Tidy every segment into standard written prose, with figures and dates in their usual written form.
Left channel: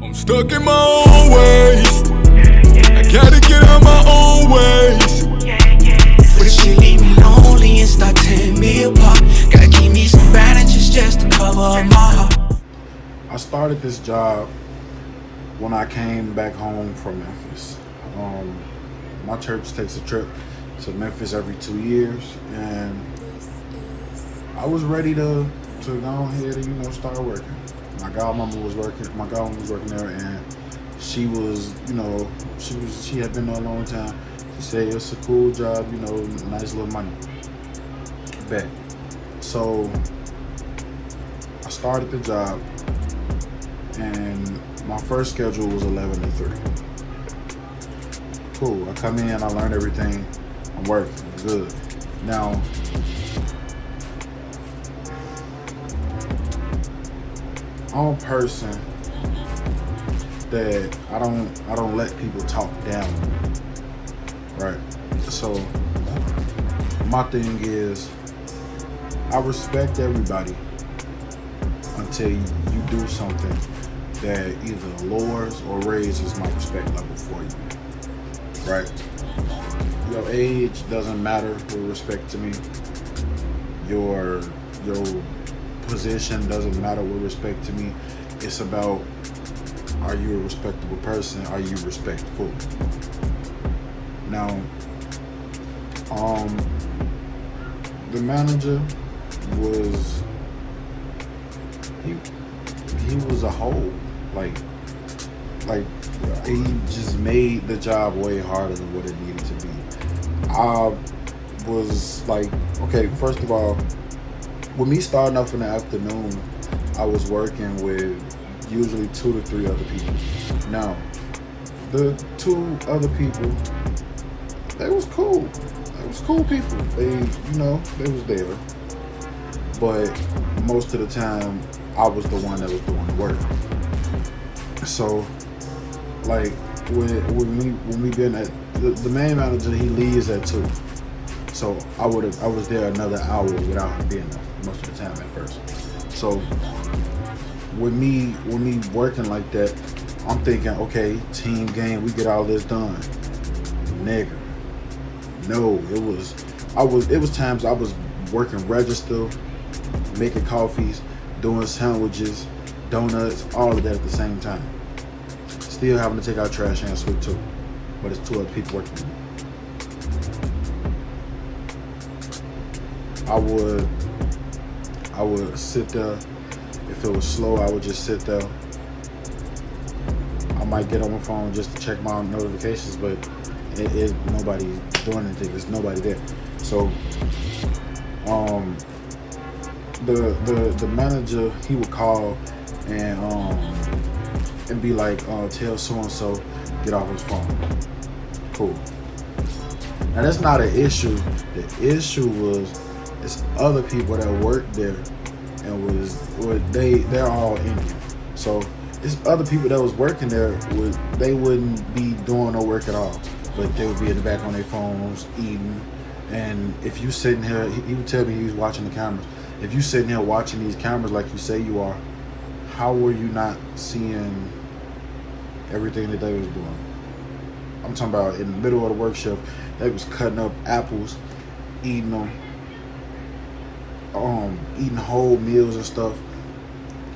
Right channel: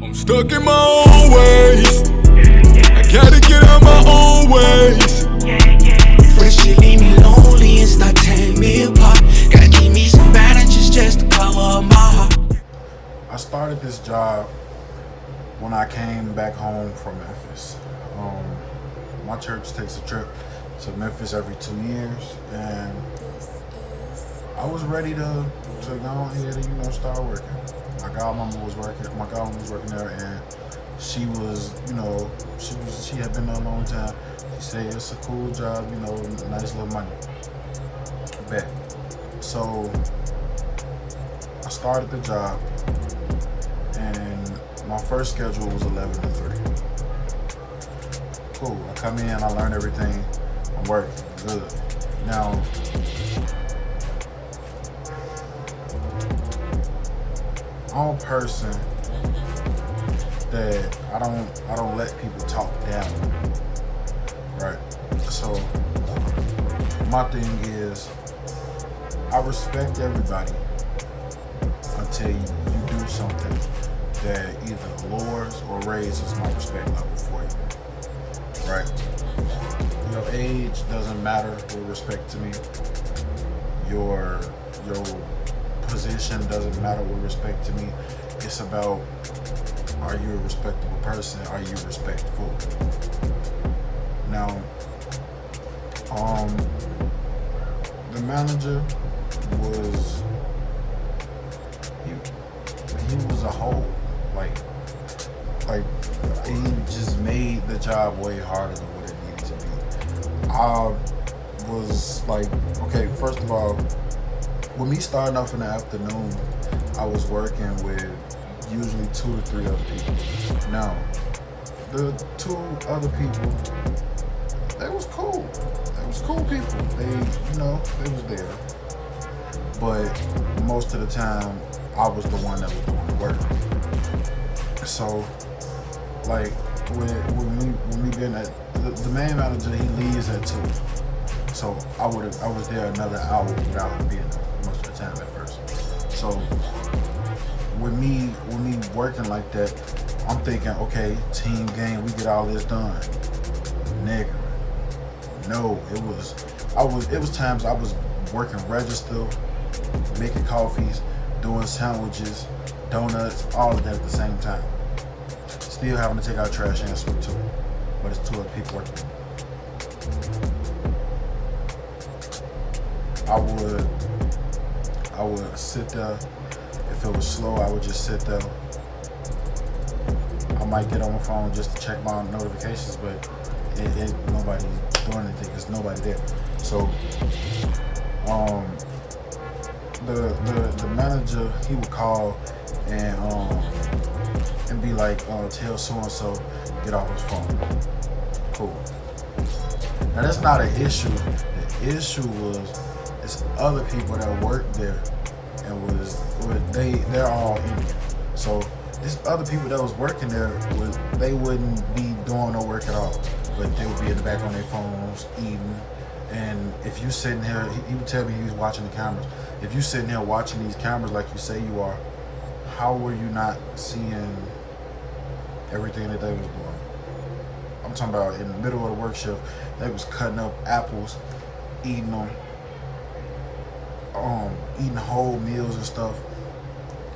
I'm stuck in my own ways. I gotta get out my own ways. For the shit leave me lonely and start tearing me apart. Gotta keep me some bandages just to cover up my heart. I started this job when I came back home from Memphis. My church takes a trip to Memphis every 2 years, and I was ready to go ahead and start working. My godmama was working. My godmama was working there, and she had been there a long time. She said it's a cool job, nice little money. Bet. So I started the job, and my first schedule was 11 to 3. Cool. I come in, I learn everything. I'm working. Good. Now, I'm a person that I don't let people talk down, right? So my thing is, I respect everybody until you do something that either lowers or raises my respect level for you, right? Your age doesn't matter with respect to me. Your position doesn't matter with respect to me. It's about, are you a respectable person? Are you respectful? Now, the manager was, he was a whole, like he just made the job way harder than what it needed to be. I was like, okay, first of all, with me starting off in the afternoon, I was working with usually 2 to 3 other people. Now, the 2 other people, they was cool. They was cool people. They was there. But most of the time, I was the one that was doing the work. So, like, when we been at, the main manager, he leaves at 2. So I was there another hour without him being there most of the time at first. So with me working like that, I'm thinking, okay, team game, we get all this done. Nigga, no, it was times I was working register, making coffees, doing sandwiches, donuts, all of that at the same time. Still having to take out trash and sweep too, but it's 2 other people working with me. I would sit there. If it was slow, I would just sit there. I might get on my phone just to check my notifications, but nobody's doing anything. There's nobody there. So, the manager, he would call and be like, tell so and so get off his phone. Cool. Now that's not an issue. The issue was, it's other people that work there, and they're all Indian. So it's other people that was working there, they wouldn't be doing no work at all, but they would be in the back on their phones eating. And if you sitting here, he would tell me he was watching the cameras. If you sitting here watching these cameras like you say you are, how were you not seeing everything that they was doing? I'm talking about in the middle of the work shift, they was cutting up apples, eating them. Eating whole meals and stuff,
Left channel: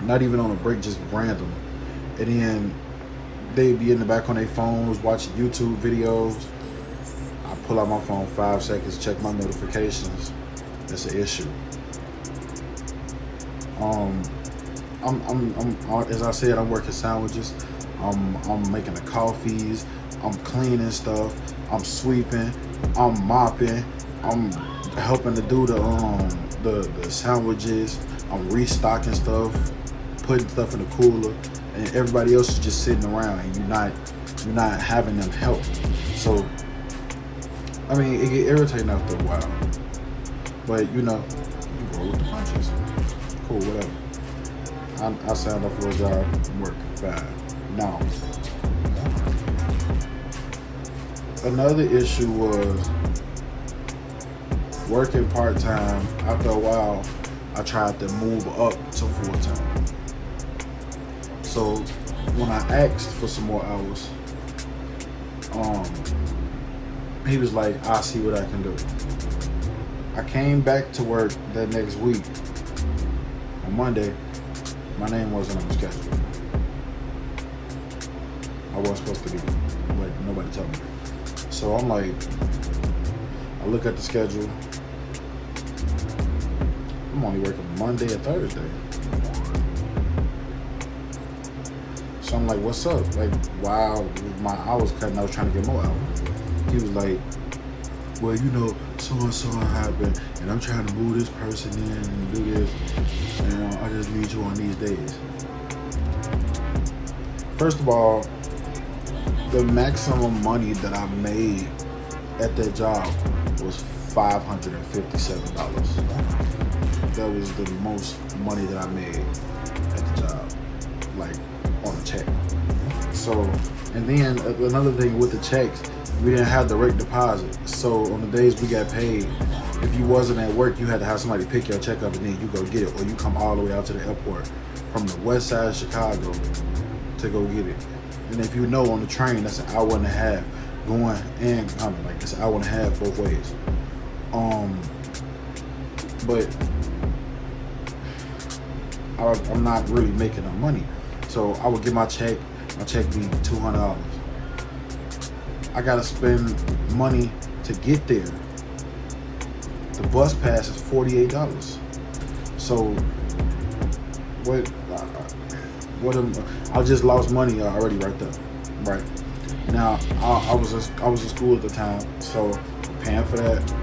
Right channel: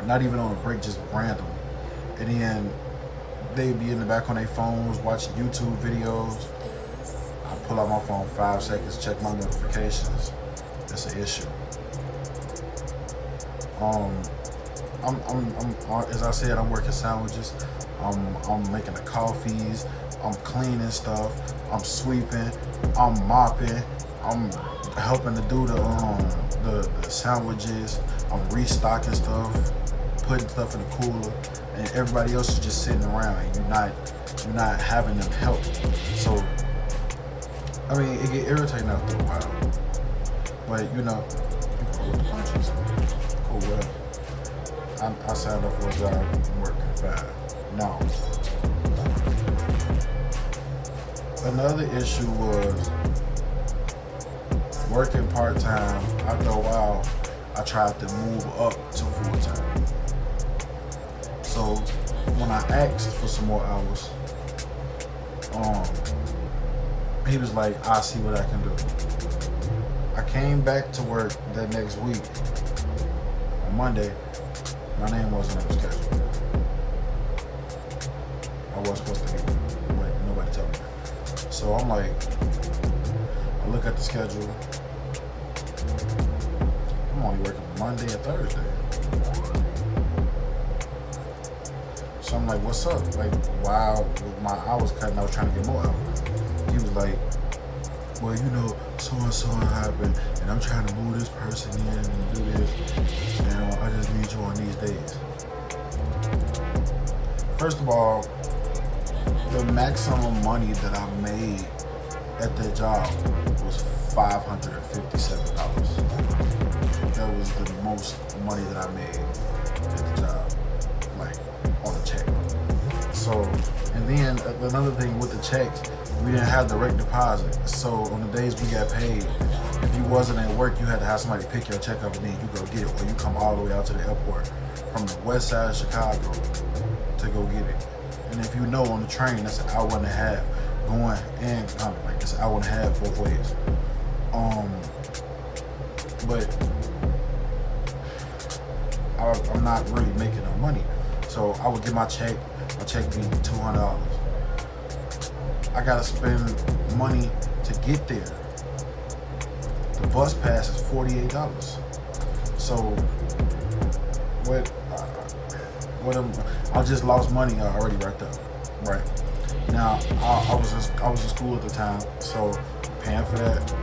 not even on a break, just random. And then they'd be in the back on their phones watching YouTube videos. I pull out my phone 5 seconds, check my notifications. That's an issue. I'm as I said, I'm working sandwiches. I'm making the coffees. I'm cleaning stuff. I'm sweeping. I'm mopping. I'm helping to do the sandwiches. I'm restocking stuff, putting stuff in the cooler, and everybody else is just sitting around, and you're not having them help. So, I mean, it get irritating after a while. But you roll with the punches. Cool, whatever. I signed up for a job. I'm working 5. Now, another issue was working part-time. After a while, I tried to move up to full-time. So when I asked for some more hours, he was like, I'll see what I can do. I came back to work that next week. On Monday, my name wasn't on the schedule. I wasn't supposed to be, but nobody told me that. So I'm like, I look at the schedule. I'm only working Monday and Thursday. So I'm like, what's up? Like, while my hours cutting, I was trying to get more hours. He was like, well, you know, so and so happened, and I'm trying to move this person in and do this, and I just need you on these days. First of all, the maximum money that I made at that job was $557. That was the most money that I made at the job, like on a check. So, and then another thing with the checks, we didn't have direct deposit. So on the days we got paid, if you wasn't at work, you had to have somebody pick your check up and then you go get it, or you come all the way out to the airport from the west side of Chicago to go get it. And if you know, on the train, that's an hour and a half going and coming. Like, it's an hour and a half both ways. But I'm not really making no money. So I would get my check be $200. I gotta spend money to get there. The bus pass is $48. So I just lost money already right there. Right now, I was in school at the time, so I'm paying for that.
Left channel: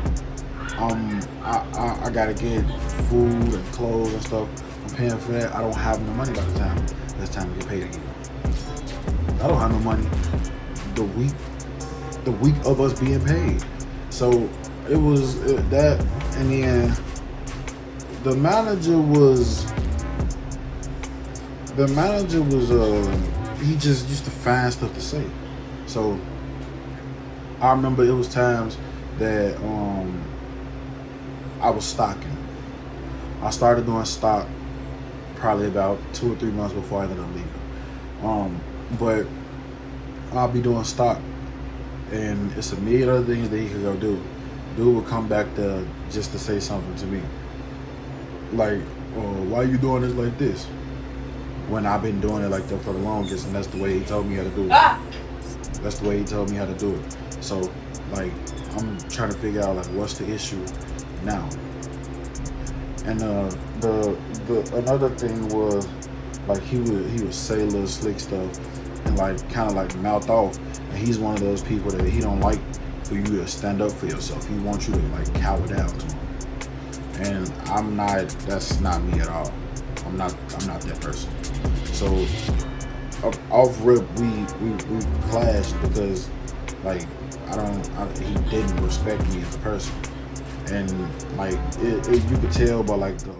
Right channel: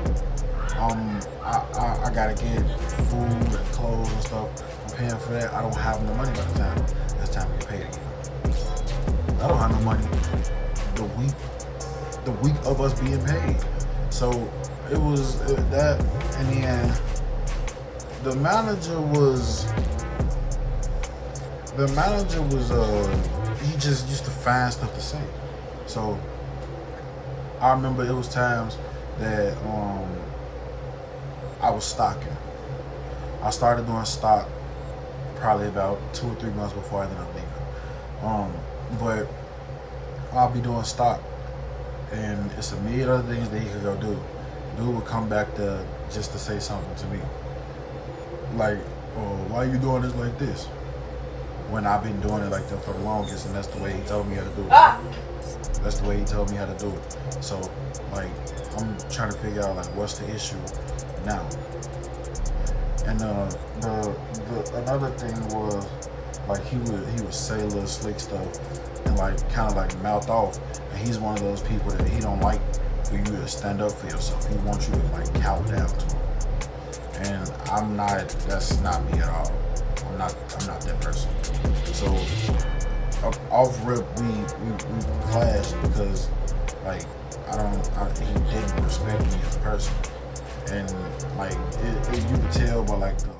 I gotta get food and clothes and stuff. I'm paying for that. I don't have no money by the time it's time to get paid again. I don't have no money the week of us being paid. So it was that, and then the manager was he just used to find stuff to say. So I remember it was times that I was stocking. I started doing stock probably about 2 or 3 months before I ended up leaving. But I'll be doing stock, and it's a million other things that he could go do. Dude would come back there just to say something to me, like, "Oh, why you doing this like this?" When I've been doing it like that for the longest, and that's the way he told me how to do it. That's the way he told me how to do it. So, like, I'm trying to figure out, like, what's the issue now. And the another thing was, like, he would say little slick stuff and, like, kind of like mouth off. And he's one of those people that he don't like for you to stand up for yourself. He wants you to, like, cower down to him. And I'm not. That's not me at all. I'm not that person. So off rip, we clashed because, like, he didn't respect me as a person, and, like, you could tell by, like, the